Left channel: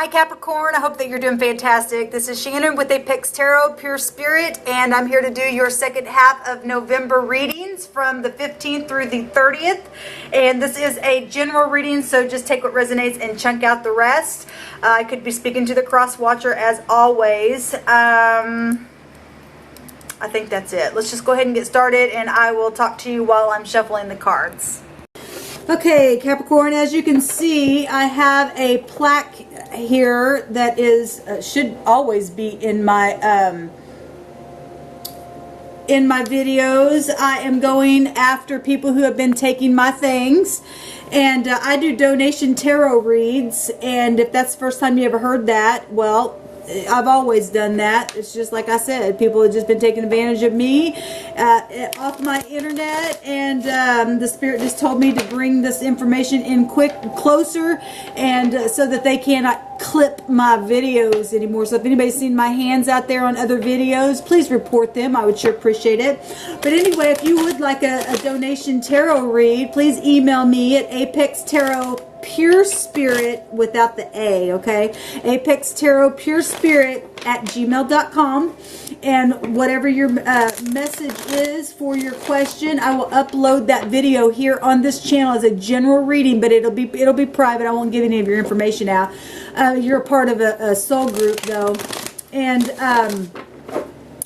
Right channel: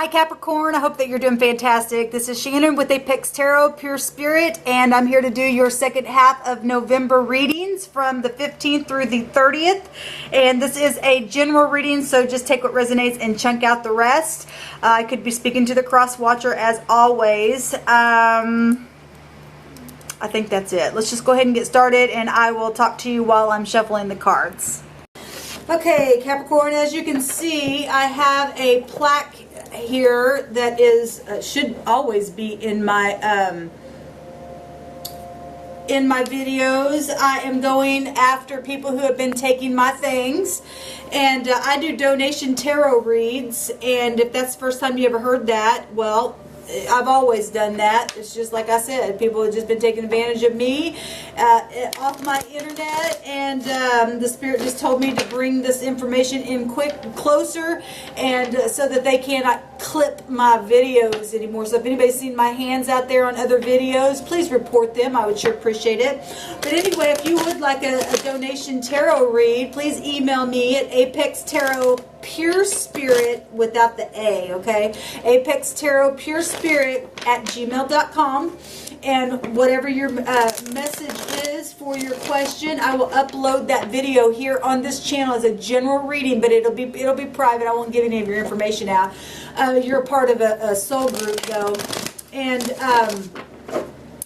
Hi Capricorn, I hope that you're doing fantastic. This is Shannon with ApexTarot PureSpirit, and I'm here to do your second half of November readings from the 15th through the 30th. And this is a general reading, so just take what resonates and chunk out the rest. I could be speaking to the cross watcher as always. I think that's it. Let's just go ahead and get started, and I will talk to you while I'm shuffling the cards. Okay, Capricorn, as you can see, I have a plaque here that is should always be in my videos. I am going after people who have been taking my things, and I do donation tarot reads. And if that's the first time you ever heard that, well, I've always done that. It's just like I said, people have just been taking advantage of me off my internet, and the Spirit just told me to bring this information in closer, and so that they cannot clip my videos anymore. So if anybody's seen my hands out there on other videos, please report them. I would sure appreciate it. But anyway, if you would like a donation tarot read, please email me at ApexTarotPurespirit without the A, okay? ApexTarotPurespirit@gmail.com. And whatever your message is for your question, I will upload that video here on this channel as a general reading, but it'll be private. I won't give any of your information out. You're a part of a soul group, though. And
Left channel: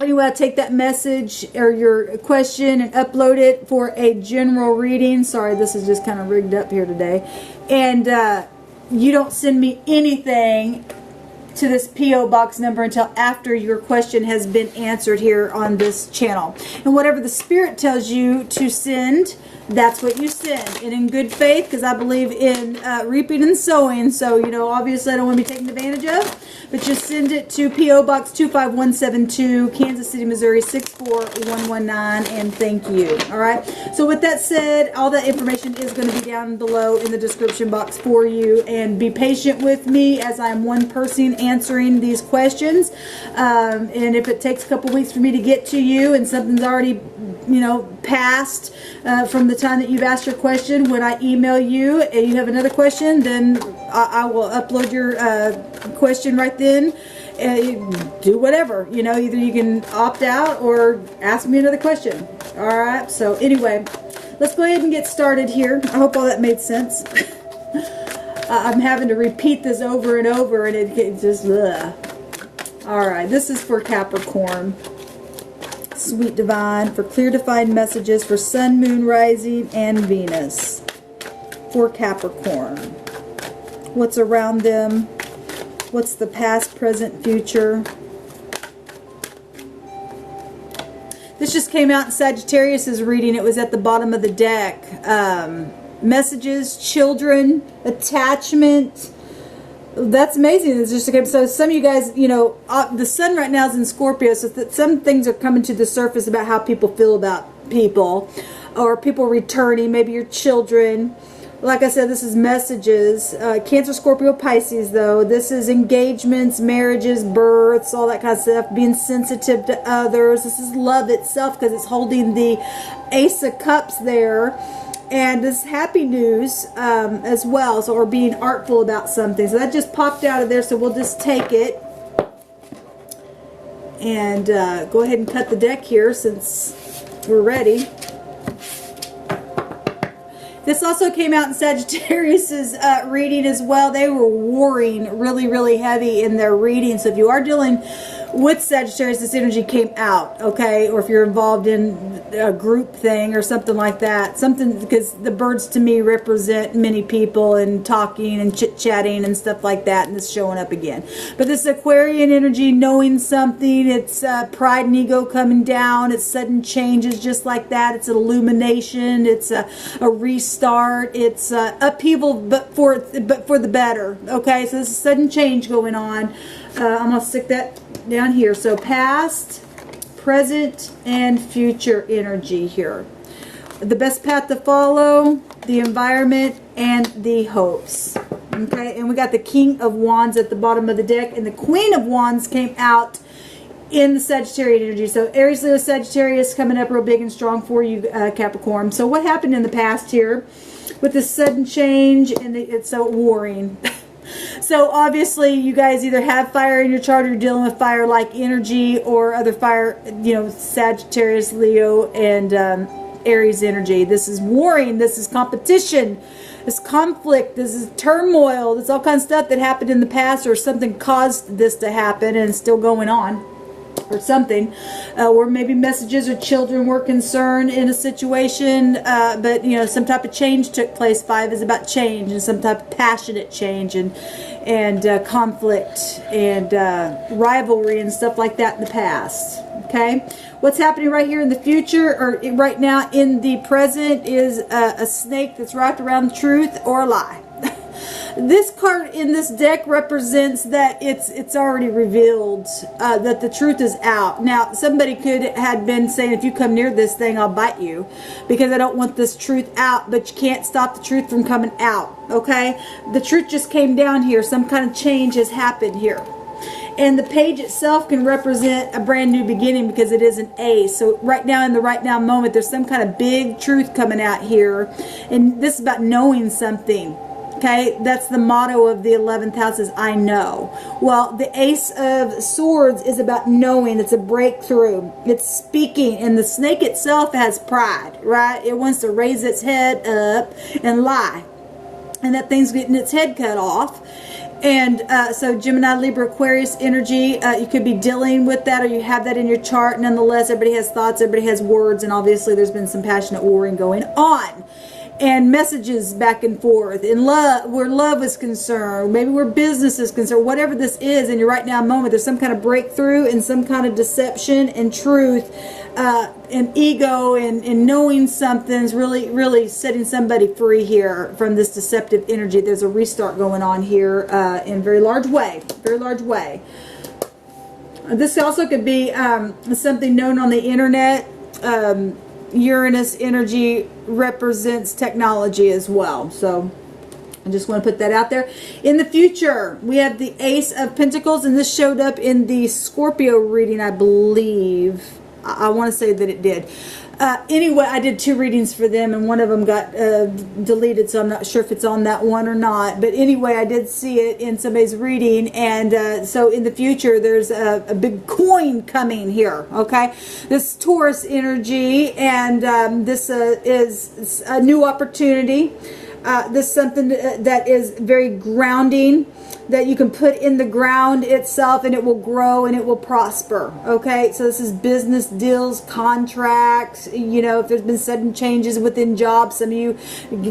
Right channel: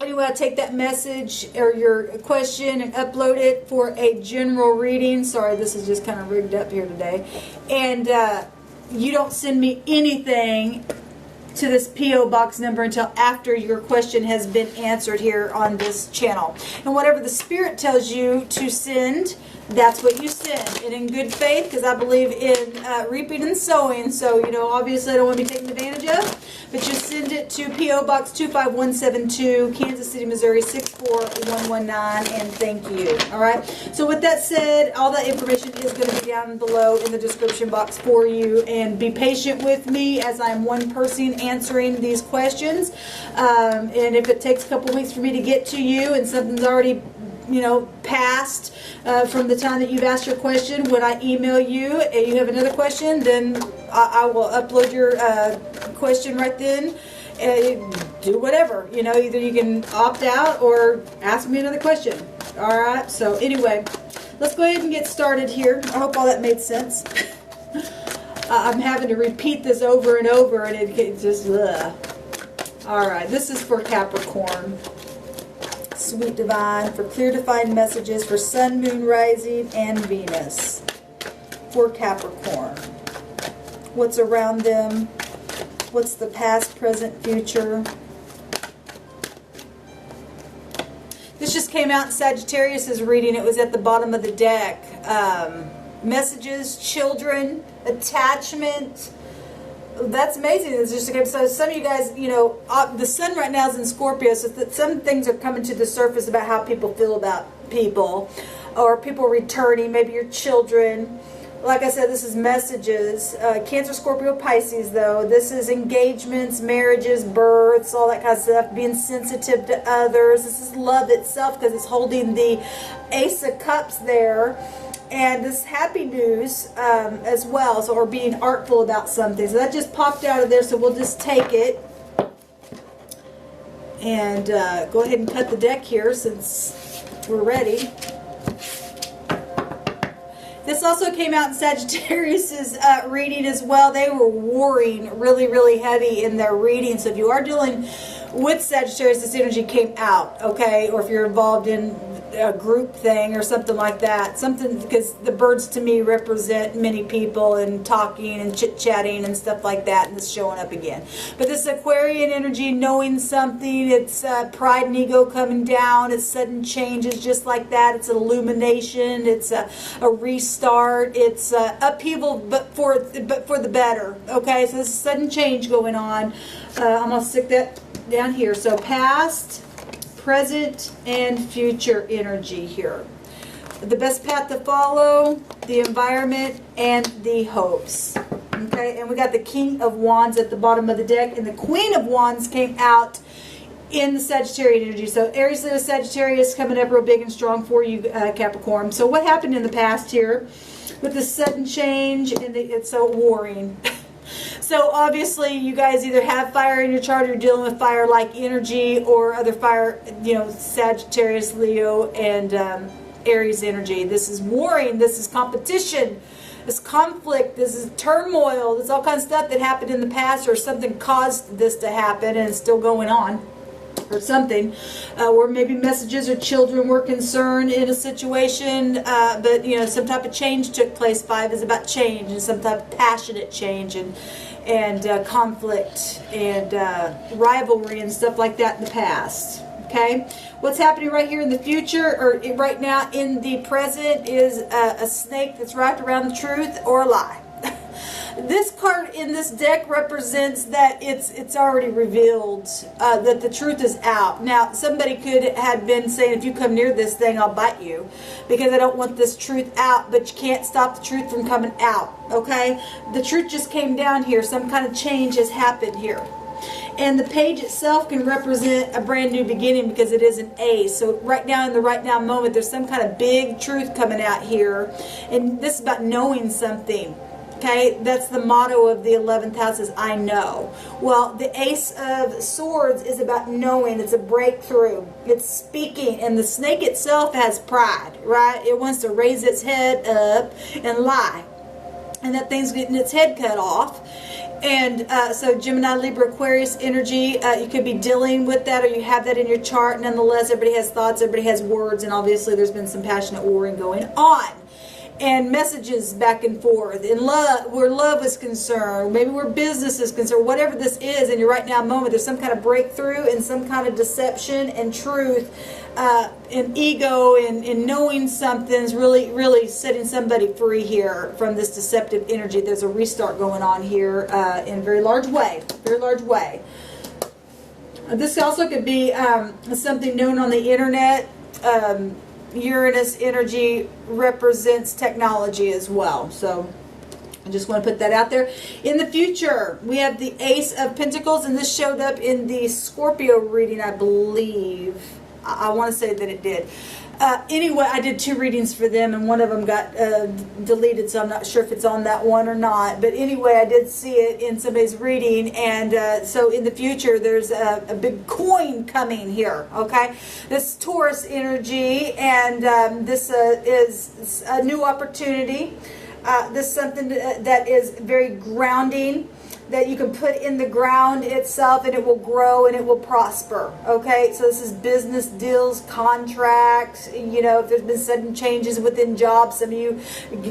anyway, I'll take that message or your question and upload it for a general reading. Sorry, this is just kind of rigged up here today. And you don't send me anything to this P.O. box number until after your question has been answered here on this channel. And whatever the Spirit tells you to send, that's what you send. And in good faith, because I believe in reaping and sowing. So, you know, obviously I don't want to be taken advantage of. But just send it to P.O. Box 25172, Kansas City, Missouri 64119. And thank you. All right. So with that said, all that information is going to be down below in the description box for you. And be patient with me as I'm one person answering these questions. And if it takes a couple weeks for me to get to you and something's already, you know, passed from the time that you've asked your question, when I email you and you have another question, then I will upload your question right then. Do whatever, you know, either you can opt out or ask me another question. All right. So anyway, let's go ahead and get started here. I hope all that made sense. I'm having to repeat this over and over, and it just ugh. All right. This is for Capricorn. Sweet Divine, for clear defined messages for Sun, Moon, Rising, and Venus. For Capricorn. What's around them? What's the past, present, future? This just came out in Sagittarius' reading. It was at the bottom of the deck. Messages, children, attachment. That's amazing. It's just okay. So some of you guys, you know, the sun right now is in Scorpio, so that some things are coming to the surface about how people feel about people, or people returning, maybe your children. Like I said, this is messages. Cancer, Scorpio, Pisces, though. This is engagements, marriages, births, all that kind of stuff. Being sensitive to others. This is love itself, because it's holding the Ace of Cups there. And this is happy news as well, so, or being artful about something. So that just popped out of there, so we'll just take it. And go ahead and cut the deck here since we're ready. This also came out in Sagittarius' reading as well. They were warring really, really heavy in their reading. So if you are dealing with Sagittarius, this energy came out, okay? Or if you're involved in a group thing or something like that. Something, because the birds to me represent many people and talking and chit-chatting and stuff like that, and it's showing up again. But this Aquarian energy, knowing something, it's pride and ego coming down, it's sudden changes just like that, it's an illumination, it's a restart, it's upheaval, but for the better, okay? So this is sudden change going on. I'm going to stick that down here. So past, present, and future energy here. The best path to follow, the environment, and the hopes. Okay, and we got the King of Wands at the bottom of the deck, and the Queen of Wands came out in the Sagittarius energy. So Aries, Leo, Sagittarius coming up real big and strong for you, Capricorn. So what happened in the past here with this sudden change, and it's so warring. So obviously you guys either have fire in your chart or you're dealing with fire-like energy or other fire, you know, Sagittarius, Leo, and Aries energy. This is warring. This is competition. This conflict. This is turmoil. There's all kinds of stuff that happened in the past or something caused this to happen and it's still going on. Or something, or maybe messages or children were concerned in a situation, but you know, some type of change took place. 5 is about change and some type of passionate change and conflict and rivalry and stuff like that in the past. Okay, what's happening right here in the future or right now in the present is a snake that's wrapped around the truth or a lie. This card in this deck represents that it's already revealed, that the truth is out. Now, somebody had been saying, if you come near this thing, I'll bite you, because I don't want this truth out, but you can't stop the truth from coming out, okay? The truth just came down here. Some kind of change has happened here. And the page itself can represent a brand new beginning because it is an ace. So right now, in the right now moment, there's some kind of big truth coming out here. And this is about knowing something. Okay, that's the motto of the 11th house is I know. Well, the Ace of Swords is about knowing. It's a breakthrough. It's speaking. And the snake itself has pride, right? It wants to raise its head up and lie. And that thing's getting its head cut off. And so Gemini, Libra, Aquarius energy, you could be dealing with that or you have that in your chart. Nonetheless, everybody has thoughts, everybody has words, and obviously there's been some passionate warring going on. And messages back and forth in love, where love is concerned, maybe where business is concerned, whatever this is in your right now moment, there's some kind of breakthrough and some kind of deception and truth and ego and knowing something's really setting somebody free here from this deceptive energy. There's a restart going on here in a very large way, This also could be something known on the internet. Uranus energy represents technology as well. So I just want to put that out there. In the future, we have the Ace of Pentacles, and this showed up in the Scorpio reading, I believe. I want to say that it did. Anyway, I did 2 readings for them, and one of them got deleted, so I'm not sure if it's on that one or not. But anyway, I did see it in somebody's reading, and so in the future, there's a big coin coming here, okay? This Taurus energy, and this is a new opportunity. This is something that is very grounding, that you can put in the ground itself and it will grow and it will prosper. Okay, so this is business deals, contracts, you know, if there's been sudden changes within jobs, some of you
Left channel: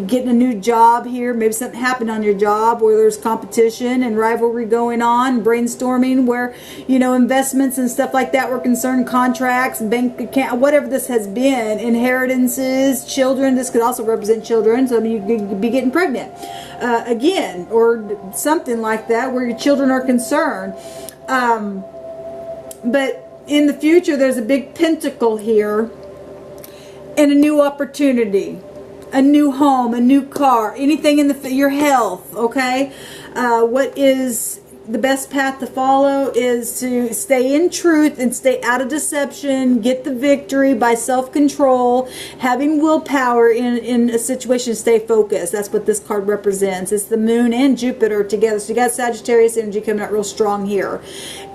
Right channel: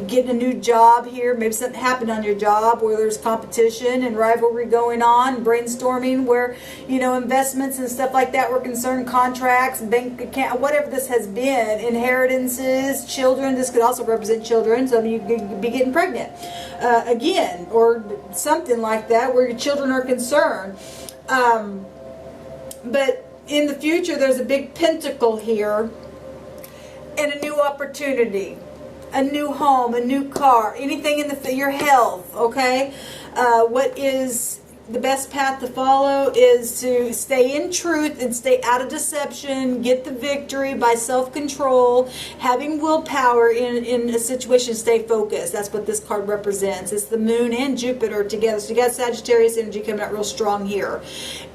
getting a new job here, maybe something happened on your job where there's competition and rivalry going on, brainstorming where, you know, investments and stuff like that were concerned, contracts, bank account, whatever this has been, inheritances, children. This could also represent children. Some of you could be getting pregnant again, or something like that where your children are concerned. But in the future, there's a big pentacle here and a new opportunity, a new home, a new car, anything in your health. Okay, what is the best path to follow is to stay in truth and stay out of deception, get the victory by self-control, having willpower in a situation, stay focused. That's what this card represents. It's the moon and Jupiter together. So you got Sagittarius energy coming out real strong here.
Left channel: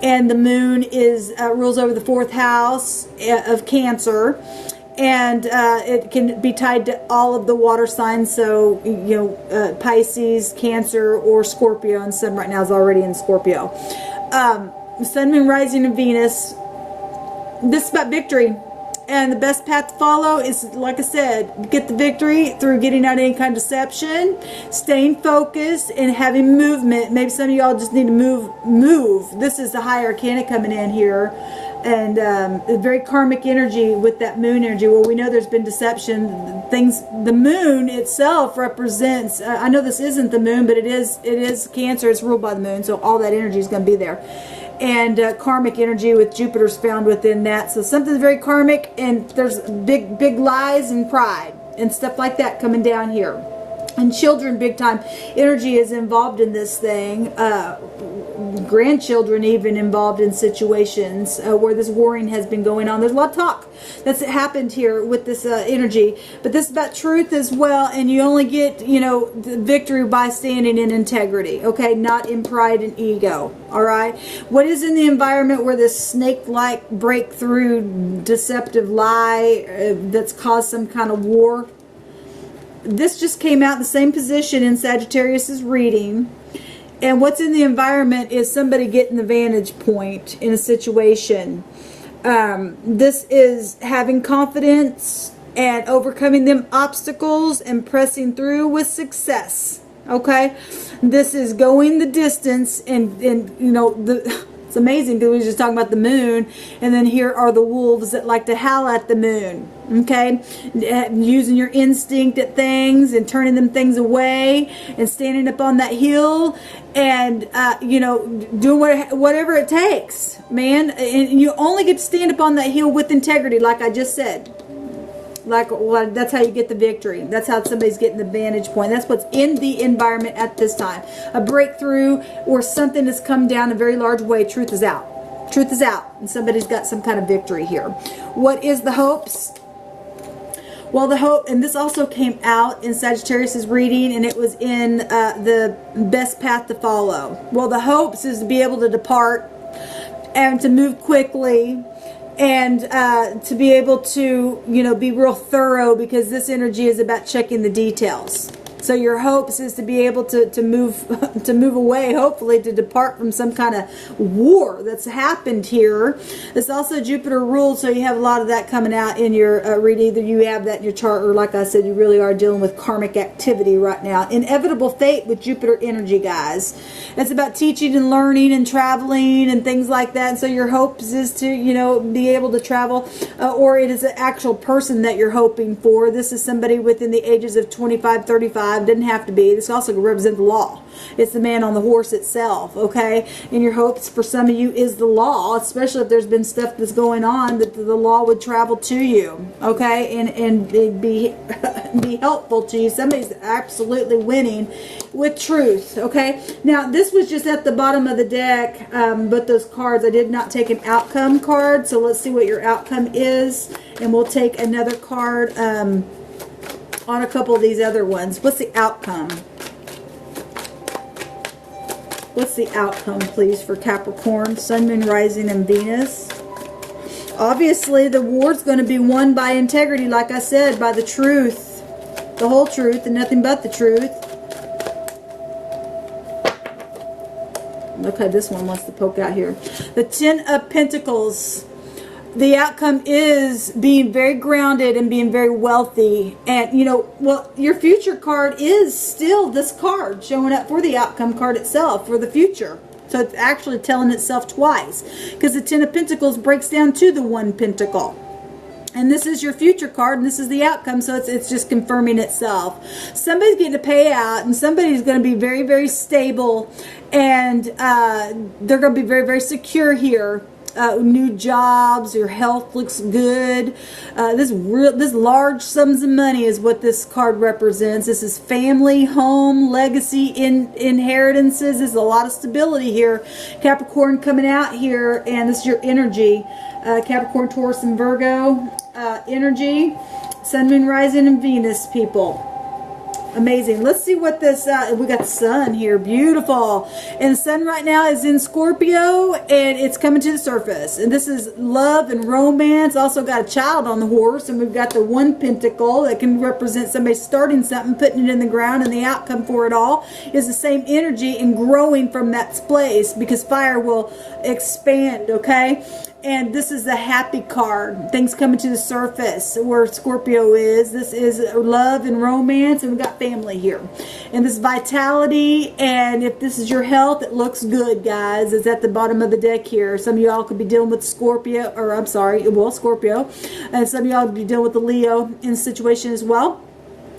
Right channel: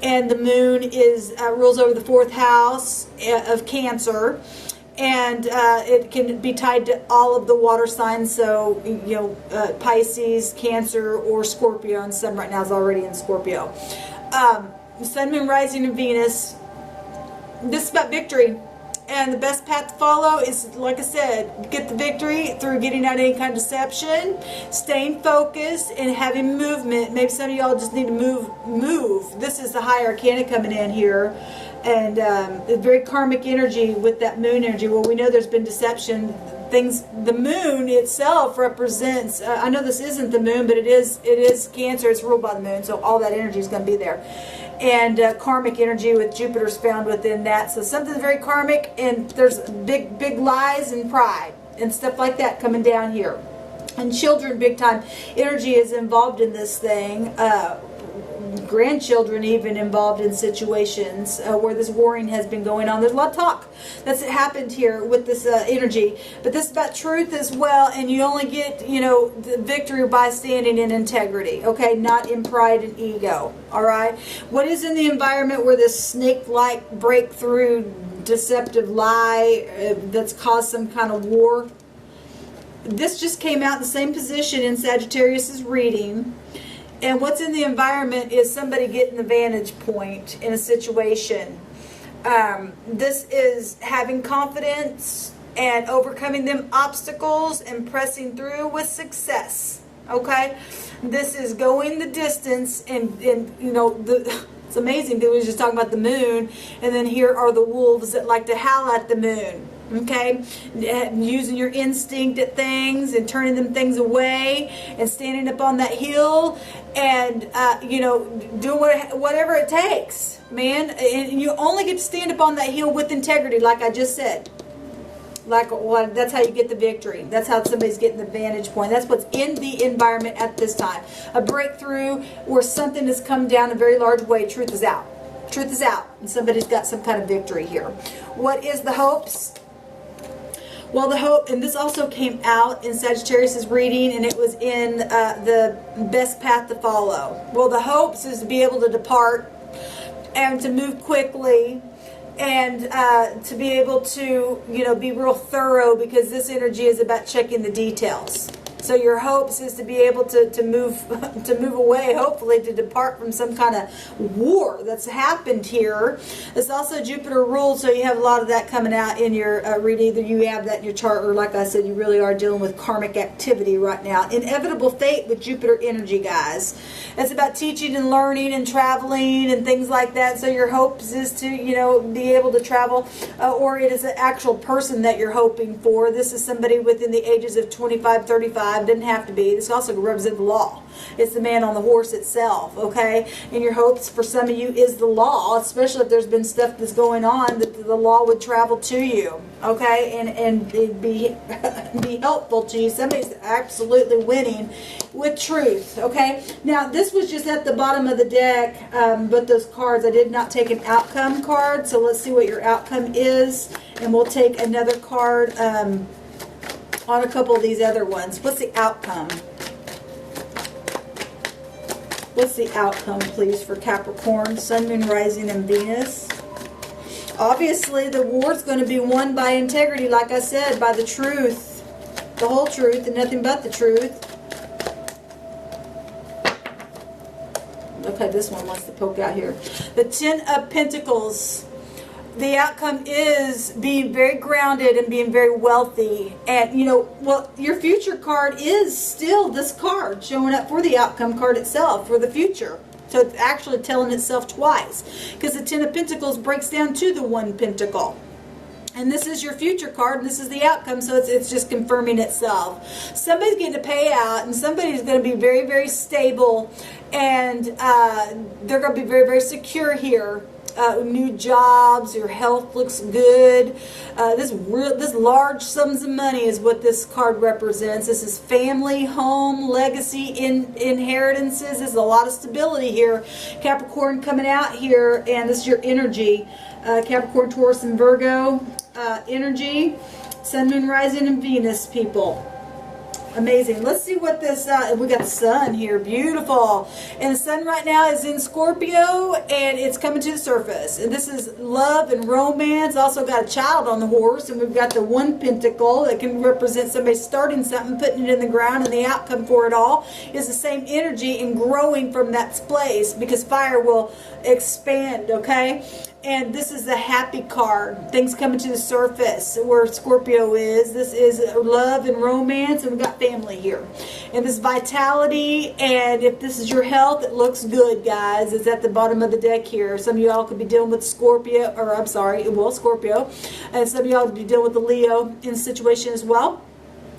And the moon is rules over the 4th house of Cancer. And it can be tied to all of the water signs, so, you know, Pisces, Cancer, or Scorpio, and Sun right now is already in Scorpio. Sun, Moon, Rising, and Venus. This is about victory. And the best path to follow is, like I said, get the victory through getting out any kind of deception, staying focused, and having movement. Maybe some of y'all just need to move. This is the high arcana coming in here. And very karmic energy with that moon energy. Well, we know there's been deception. The moon itself represents, I know this isn't the moon, but it is Cancer. It's ruled by the moon, so all that energy is going to be there. And karmic energy with Jupiter's found within that. So something's very karmic, and there's big lies and pride and stuff like that coming down here. And children, big time energy is involved in this thing. grandchildren even involved in situations where this warring has been going on. There's a lot of talk that's happened here with this energy, but this is about truth as well, and you only get, you know, the victory by standing in integrity, okay, not in pride and ego. All right, what is in the environment where this snake-like breakthrough deceptive lie that's caused some kind of war? This just came out in the same position in Sagittarius's reading. And what's in the environment is somebody getting the vantage point in a situation. This is having confidence and overcoming them obstacles and pressing through with success. Okay? This is going the distance, and you know, it's amazing because we were just talking about the moon, and then here are the wolves that like to howl at the moon. Okay, using your instinct at things and turning them things away and standing up on that hill and you know, doing whatever it takes, man. And you only get to stand up on that hill with integrity, like I just said. Like, well, that's how you get the victory. That's how somebody's getting the vantage point. That's what's in the environment at this time. A breakthrough or something that's come down a very large way. Truth is out. Truth is out. And somebody's got some kind of victory here. What is the hopes? Well, the hope, and this also came out in Sagittarius's reading, and it was in the best path to follow. Well, the hopes is to be able to depart and to move quickly, and to be able to, you know, be real thorough, because this energy is about checking the details. So your hopes is to be able to move away, hopefully to depart from some kind of war that's happened here. It's also Jupiter ruled, so you have a lot of that coming out in your reading. Either you have that in your chart, or like I said, you really are dealing with karmic activity right now. Inevitable fate with Jupiter energy, guys. It's about teaching and learning and traveling and things like that. So your hopes is to, you know, be able to travel, or it is an actual person that you're hoping for. This is somebody within the ages of 25, 35. Doesn't have to be. This also represents the law. It's the man on the horse itself, okay? And your hopes for some of you is the law, especially if there's been stuff that's going on, that the law would travel to you, okay? And it'd be helpful to you. Somebody's absolutely winning with truth, okay? Now, this was just at the bottom of the deck, but those cards, I did not take an outcome card, so let's see what your outcome is, and we'll take another card on a couple of these other ones. What's the outcome? What's the outcome, please, for Capricorn, Sun, Moon, Rising, and Venus? Obviously, the war's going to be won by integrity, like I said, by the truth. The whole truth and nothing but the truth. Okay, this one wants to poke out here. The Ten of Pentacles. The outcome is being very grounded and being very wealthy. And, you know, well, your future card is still this card showing up for the outcome card itself for the future. So it's actually telling itself twice, because the Ten of Pentacles breaks down to the One Pentacle. And this is your future card, and this is the outcome, so it's just confirming itself. Somebody's getting a payout, and somebody's going to be very, very stable, and they're going to be very, very secure here. New jobs, your health looks good. This large sums of money is what this card represents. This is family, home, legacy, inheritances. There's a lot of stability here. Capricorn coming out here, and this is your energy. Capricorn, Taurus, and Virgo energy. Sun, Moon, Rising, and Venus, people. Amazing. Let's see what this, we got the sun here. Beautiful. And the sun right now is in Scorpio, and it's coming to the surface. And this is love and romance. Also got a child on the horse, and we've got the One Pentacle that can represent somebody starting something, putting it in the ground, and the outcome for it all is the same energy and growing from that place, because fire will expand, okay? And this is the happy card. Things coming to the surface where Scorpio is. This is love and romance, and we've got family here. And this vitality, and if this is your health, it looks good, guys. It's at the bottom of the deck here. Some of y'all could be dealing with Scorpio, or I'm sorry, well, Scorpio. And some of y'all could be dealing with the Leo in the situation as well.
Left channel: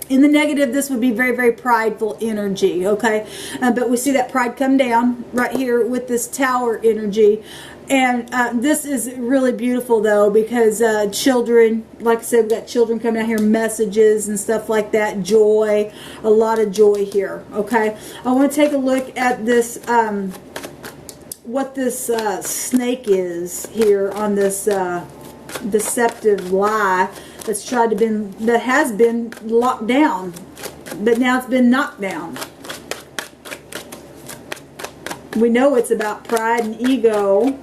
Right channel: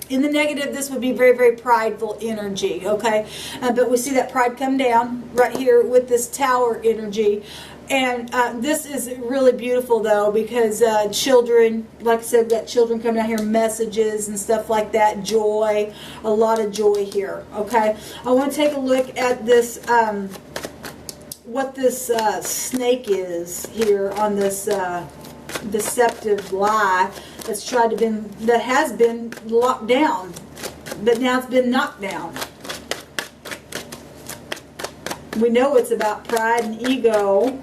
In the negative, this would be very, very prideful energy, okay? But we see that pride come down right here with this Tower energy. And this is really beautiful, though, because children, like I said, we've got children coming out here, messages and stuff like that, joy, a lot of joy here, okay? I want to take a look at this what this snake is here on this deceptive lie that has been locked down, but now it's been knocked down. We know it's about pride and ego,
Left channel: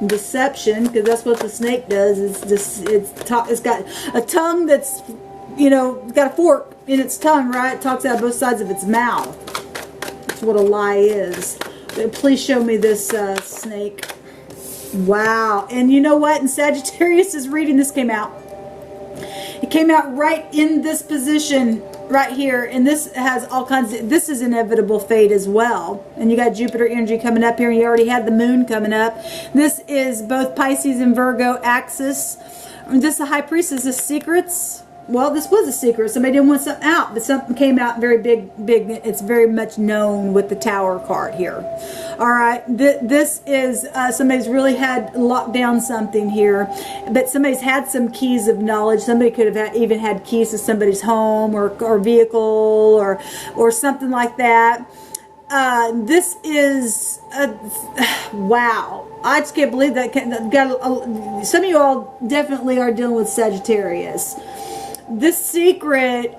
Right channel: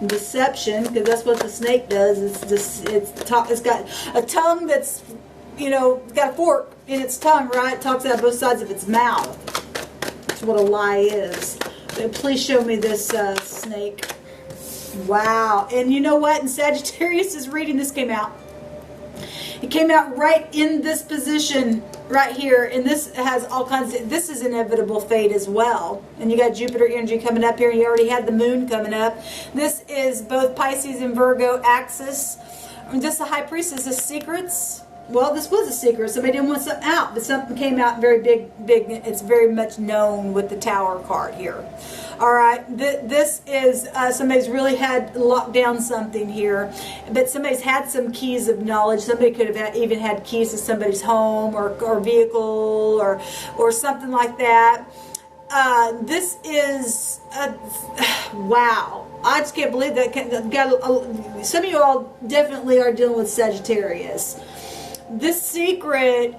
and deception, because that's what the snake does. It's got a tongue that's, you know, got a fork in its tongue, right? It talks out both sides of its mouth. That's what a lie is. Please show me this snake. Wow. And you know what? In Sagittarius' reading, this came out. It came out right in this position right here. And this has all kinds of, this is inevitable fate as well. And you got Jupiter energy coming up here. You already had the moon coming up. This is both Pisces and Virgo axis. This is the High Priestess of Secrets. Well, this was a secret. Somebody didn't want something out, but something came out very big. It's very much known with the Tower card here. All right, this is somebody's really had locked down something here, but somebody's had some keys of knowledge. Somebody could have even had keys to somebody's home or vehicle or something like that. This is wow. I just can't believe that. Some of you all definitely are dealing with Sagittarius. This secret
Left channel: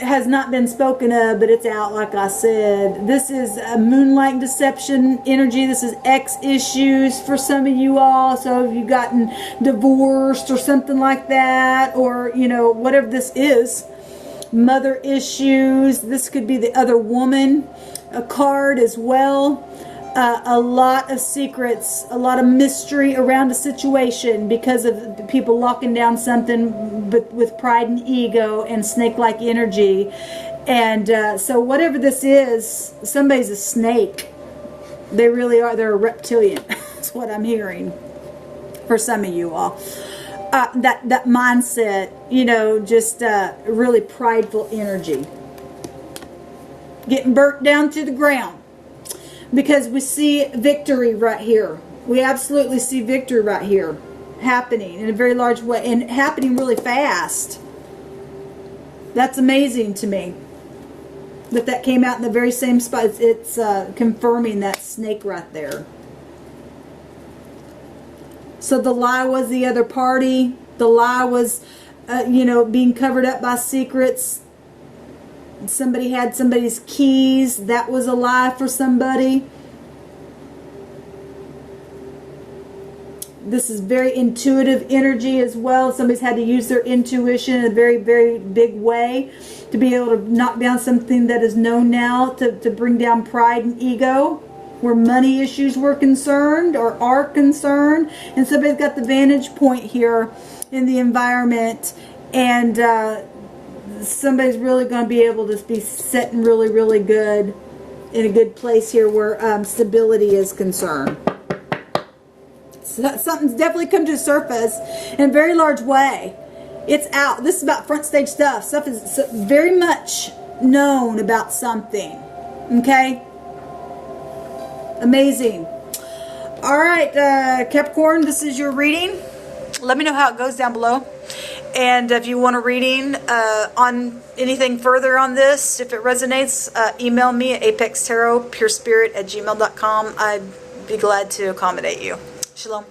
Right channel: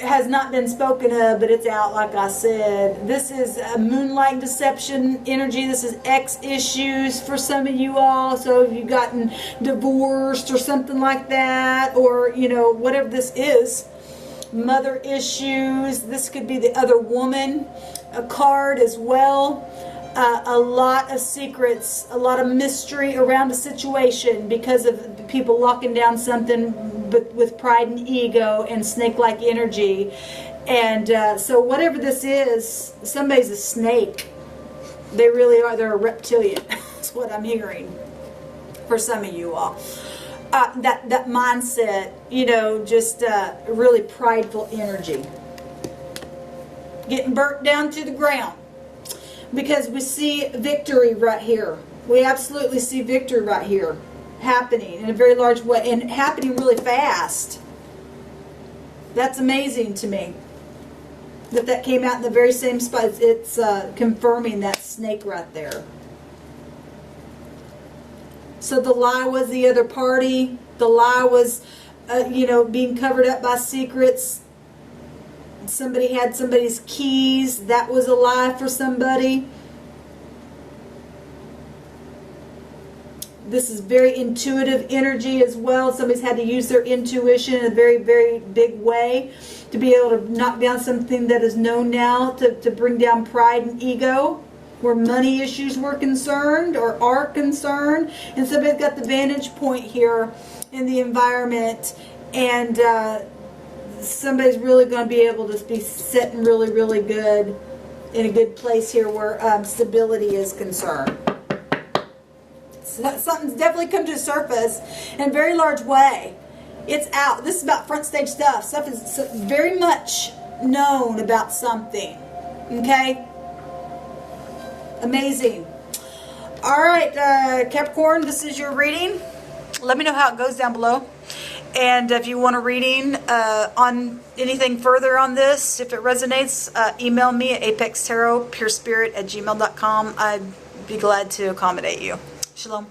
has not been spoken of, but it's out, like I said. This is a moonlight deception energy. This is ex issues for some of you all. So if you've gotten divorced or something like that, or, you know, whatever this is, mother issues. This could be the other woman, a card as well. A lot of secrets, a lot of mystery around a situation because of people locking down something, but with pride and ego and snake-like energy. And so whatever this is, somebody's a snake. They really are. They're a reptilian. That's what I'm hearing for some of you all. That mindset, you know, just really prideful energy. Getting burnt down to the ground. Because we see victory right here. We absolutely see victory right here happening in a very large way and happening really fast. That's amazing to me. That came out in the very same spot. It's confirming that snake right there. So the lie was the other party. The lie was, you know, being covered up by secrets. Somebody had somebody's keys. That was a lie for somebody. This is very intuitive energy as well. Somebody's had to use their intuition in a very, very big way to be able to knock down something that is known now, to bring down pride and ego, where money issues were concerned or are concerned. And somebody's got the vantage point here in the environment, and somebody's really going to be able to be sitting really, really good in a good place here where stability is concerned. So something's definitely come to the surface in a very large way. It's out. This is about front stage stuff. Stuff is very much known about something. Okay? Amazing. All right, Capricorn, this is your reading. Let me know how it goes down below. And if you want a reading on anything further on this, if it resonates, email me at apextarotpurespirit@gmail.com. I'd be glad to accommodate you. Shalom.